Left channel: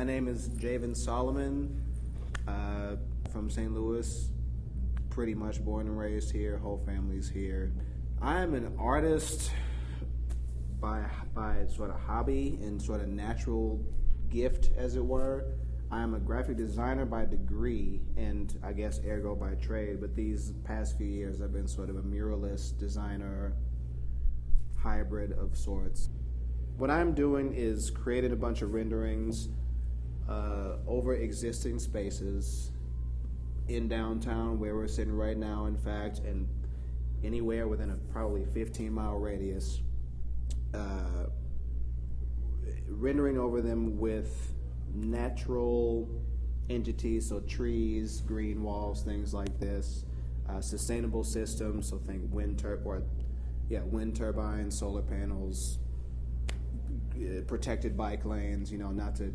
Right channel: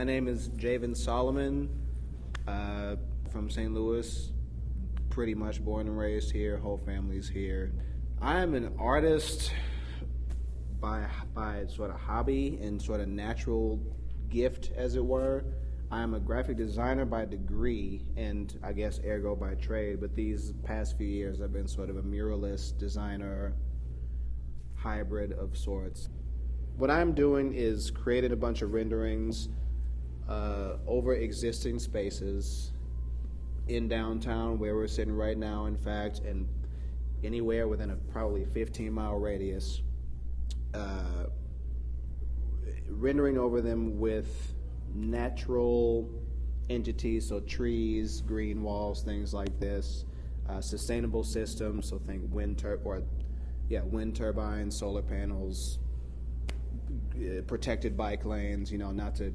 My name is Jayvon Solomon, from St. Louis, pretty much born and raised here, whole family's here. I am an artist by sort of hobby and sort of natural gift, as it were. I am a graphic designer by degree and I guess ergo by trade, but these past few years I've been sort of a muralist, designer, hybrid of sorts. What I'm doing is creating a bunch of renderings over existing spaces in downtown where we're sitting right now, in fact, and anywhere within a probably 15-mile radius, rendering over them with natural entities, so trees, green walls, things like this, sustainable systems, so think wind turbines, solar panels, protected bike lanes, not to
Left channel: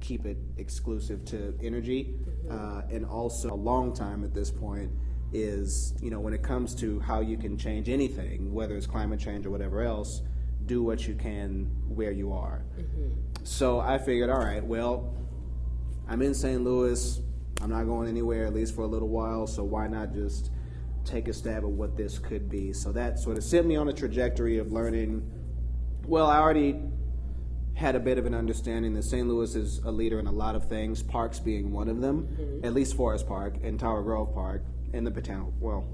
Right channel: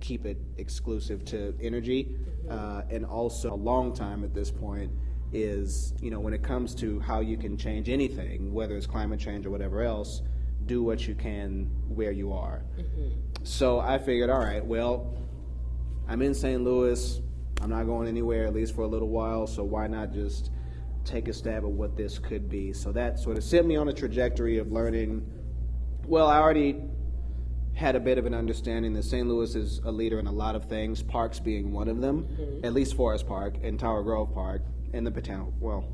keep it exclusive to energy, and also a long time at this point is, when it comes to how you can change anything, whether it's climate change or whatever else, do what you can where you are. So I figured, all right, well, I'm in St. Louis, I'm not going anywhere, at least for a little while, so why not just take a stab at what this could be? So that sort of set me on a trajectory of learning. Well, I already had a bit of an understanding that St. Louis is a leader in a lot of things, parks being one of them, at least Forest Park and Tower Grove Park, and the Botanical, well,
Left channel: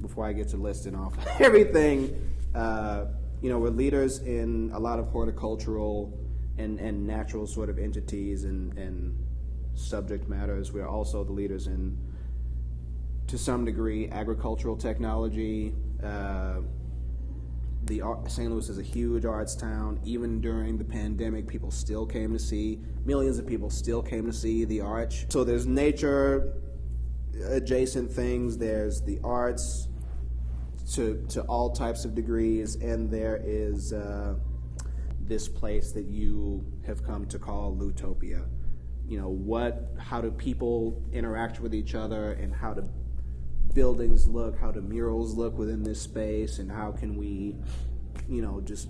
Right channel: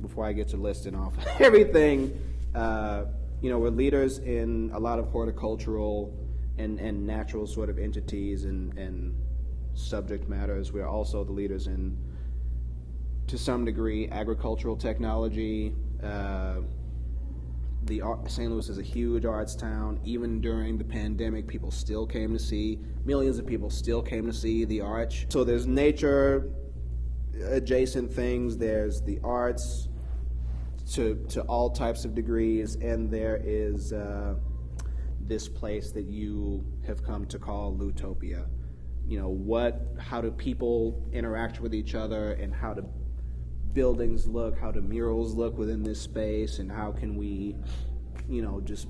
before I get to listing off everything, we're leaders in a lot of horticultural and natural sort of entities and subject matters. We're also the leaders in, to some degree, agricultural technology. St. Louis is a huge arts town. Even during the pandemic, millions of people still came to see the Arch. So there's nature adjacent things, there's the arts to all types of degrees, and there is this place that you have come to call Loutopia. How do people interact with each other, and how do buildings look, how do murals look within this space, and how can we, just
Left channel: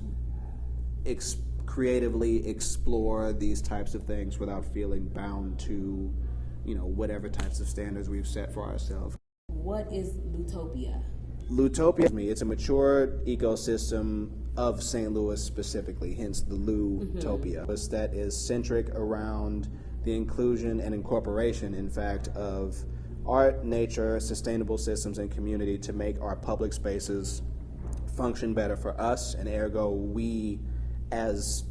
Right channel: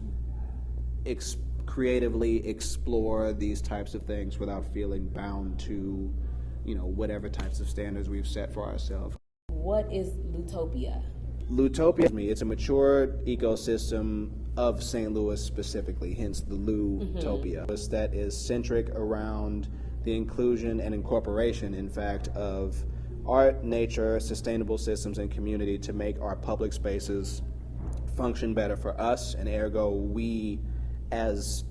creatively explore these types of things without feeling bound to, whatever types of standards we've set for ourselves. What is Loutopia? Loutopia, it's a mature ecosystem of St. Louis specifically, hence the Loutopia. That is centric around the inclusion and incorporation, in fact, of art, nature, sustainable systems, and community to make our public spaces function better for us, and ergo we as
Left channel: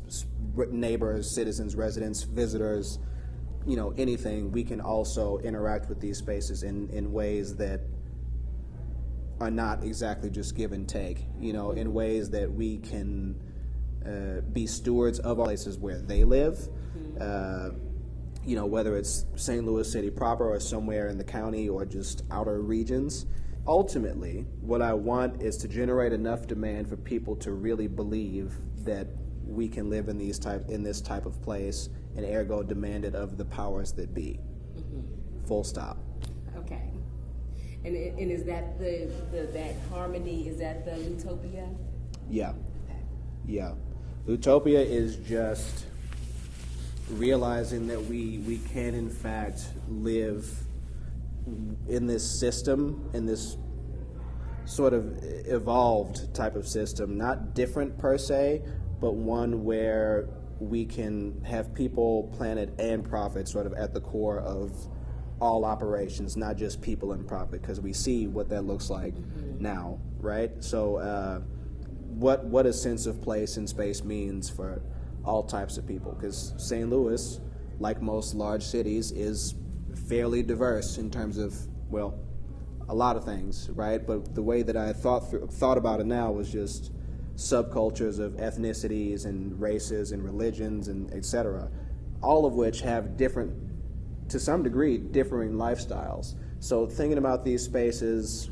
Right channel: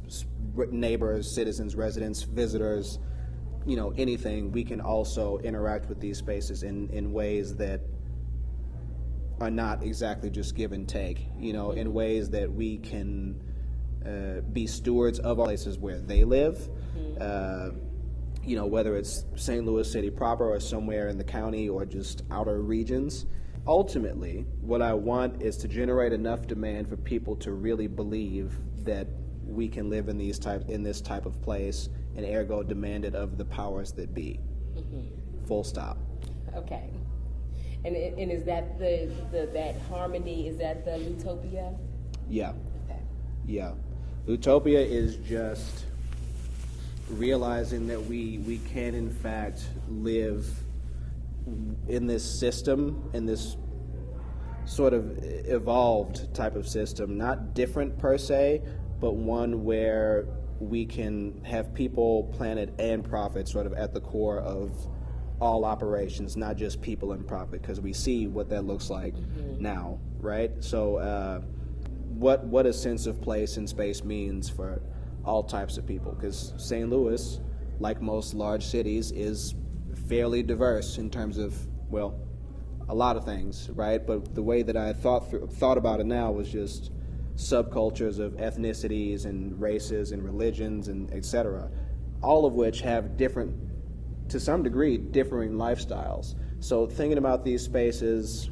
neighbors, citizens, residents, visitors, anything, we can also interact with these spaces in ways that are not exactly just give and take, in ways that we can be stewards of our places where they live, whether it's St. Louis City proper or somewhere in the county or just outer regions. Ultimately, what I want is to generate enough demand for people to really believe that we can live in this type of place, and ergo demand it of the powers that be. Full stop. Okay. And is that that harmony, is that the Loutopia? Yeah. Yeah. Loutopia is just realizing that we can in fact live in this system, in this sort of evolved type of system, not different per se, but one where we can have people, planet, and profit sort of at the core of all operations, not just people and profit, because we see what that looks like now, right? So what a sense of place and space means for all types of people, because St. Louis, like most large cities, is fairly diverse in terms of, well, a lot of things, right? But the way that I thought about it now was just subcultures of ethnicities and races and religions and et cetera, all of which have different, to some degree, differing lifestyles. So thinking about these spaces,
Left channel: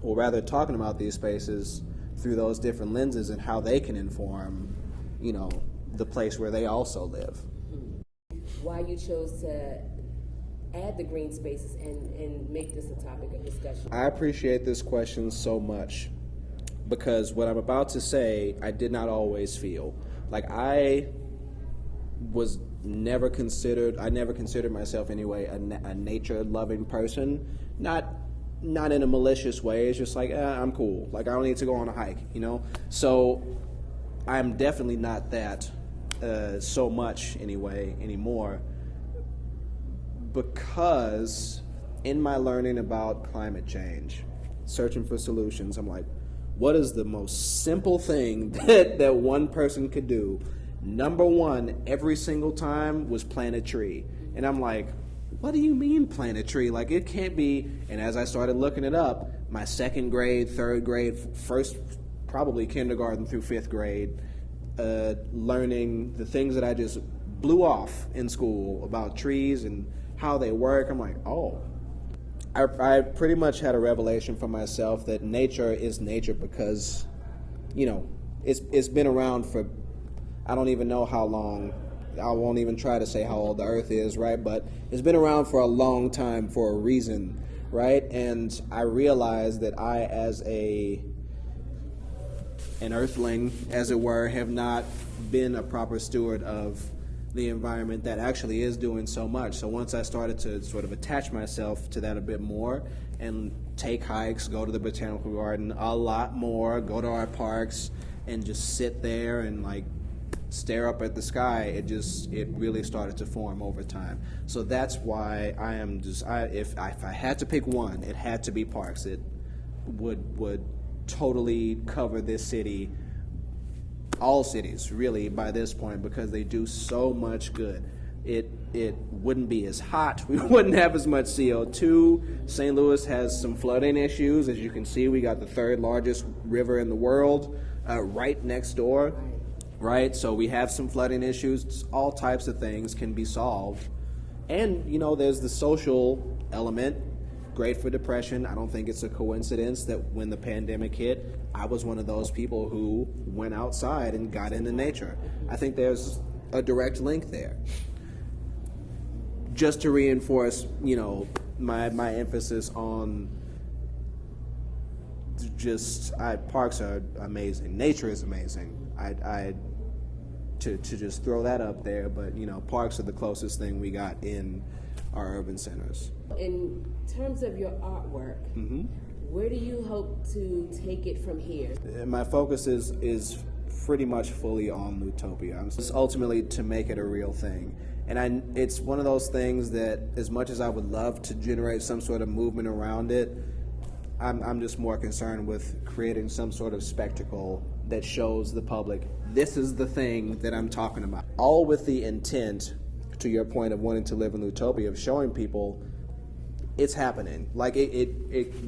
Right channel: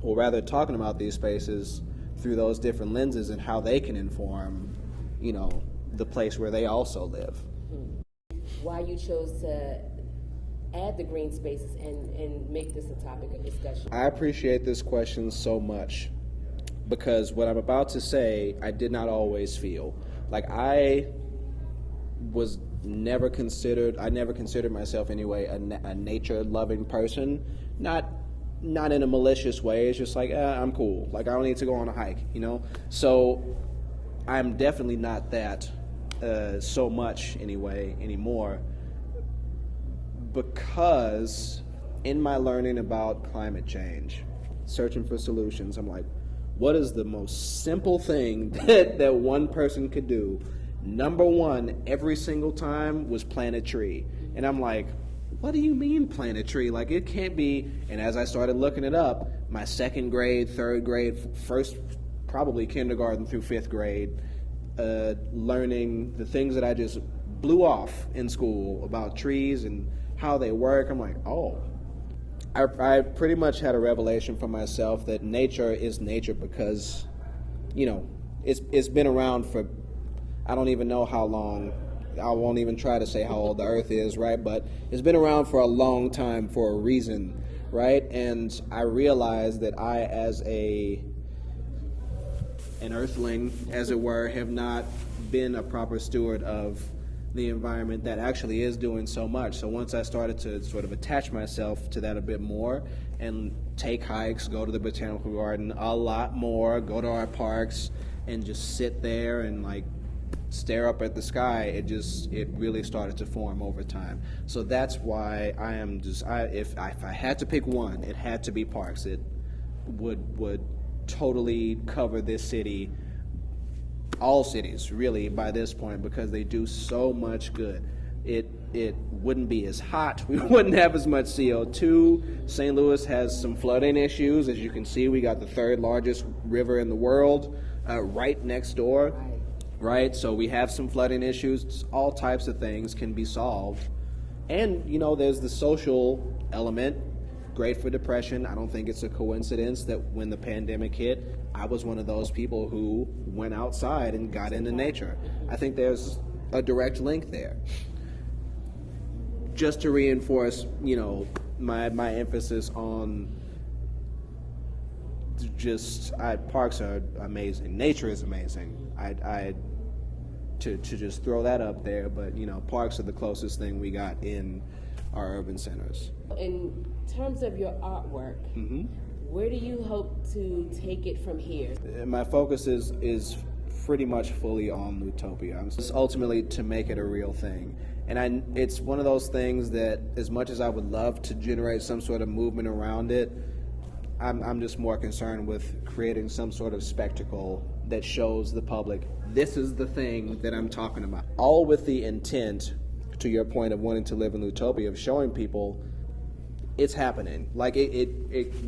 or rather talking about these spaces through those different lenses and how they can inform, the place where they also live. Why you chose to add the green spaces and make this a topic of discussion? I appreciate this question so much because what I'm about to say, I did not always feel. Like I was never considered myself anyway a nature-loving person. Not in a malicious way. It's just like, I'm cool. Like, I don't need to go on a hike, you know? So I'm definitely not that so much anymore, because in my learning about climate change, searching for solutions, I'm like, what is the most simple thing that one person could do? Number one, every single time, was plant a tree. And I'm like, what do you mean plant a tree? Like, it can't be. And as I started looking it up, my second grade, third grade, first, probably kindergarten through fifth grade, learning the things that I just blew off in school about trees and how they work. I'm like, oh. I pretty much had a revelation for myself that nature is nature because, you know, it's been around for, I don't even know how long. I won't even try to say how old the earth is, right? But it's been around for a long time for a reason, right? And I realized that I, as an earthling, as it were, have not been a proper steward of the environment that actually is doing so much. So once I started to sort of attach myself to that a bit more and take hikes, go to the botanical garden a lot more, go to our parks and just sit there and like stare up at the sky, it really started to form over time. So that's why if I had to pick one, it had to be parks. It would totally cover this city, all cities really by this point, because they do so much good. It wouldn't be as hot. We wouldn't have as much CO2. St. Louis has some flooding issues. As you can see, we got the third largest river in the world right next door. Right, so we have some flooding issues. All types of things can be solved. And, you know, there's the social element, great for depression. I don't think it's a coincidence that when the pandemic hit, I was one of those people who went outside and got into nature. I think there's a direct link there. Just to reinforce, you know, my emphasis on parks are amazing. Nature is amazing. To just throw that up there, but you know, parks are the closest thing we got in our urban centers. In terms of your artwork, where do you hope to take it from here? My focus is pretty much fully on Loutopia. It's ultimately to make it a real thing. And it's one of those things that, as much as I would love to generate some sort of movement around it, I'm just more concerned with creating some sort of spectacle that shows the public, this is the thing that I'm talking about. All with the intent, to your point of wanting to live in Loutopia, of showing people it's happening. Like it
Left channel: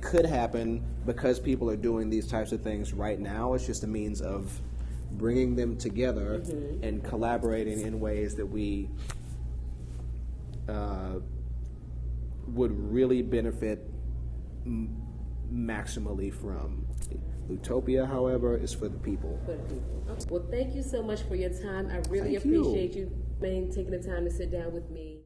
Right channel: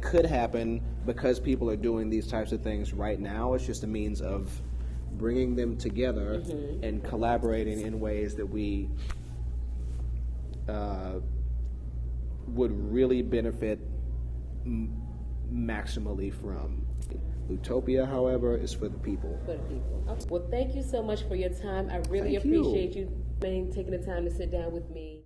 could happen because people are doing these types of things right now. It's just a means of bringing them together and collaborating in ways that we would really benefit maximally from. Loutopia, however, is for the people. For the people. Okay. Well, thank you so much for your time. I really appreciate you taking the time to sit down with me.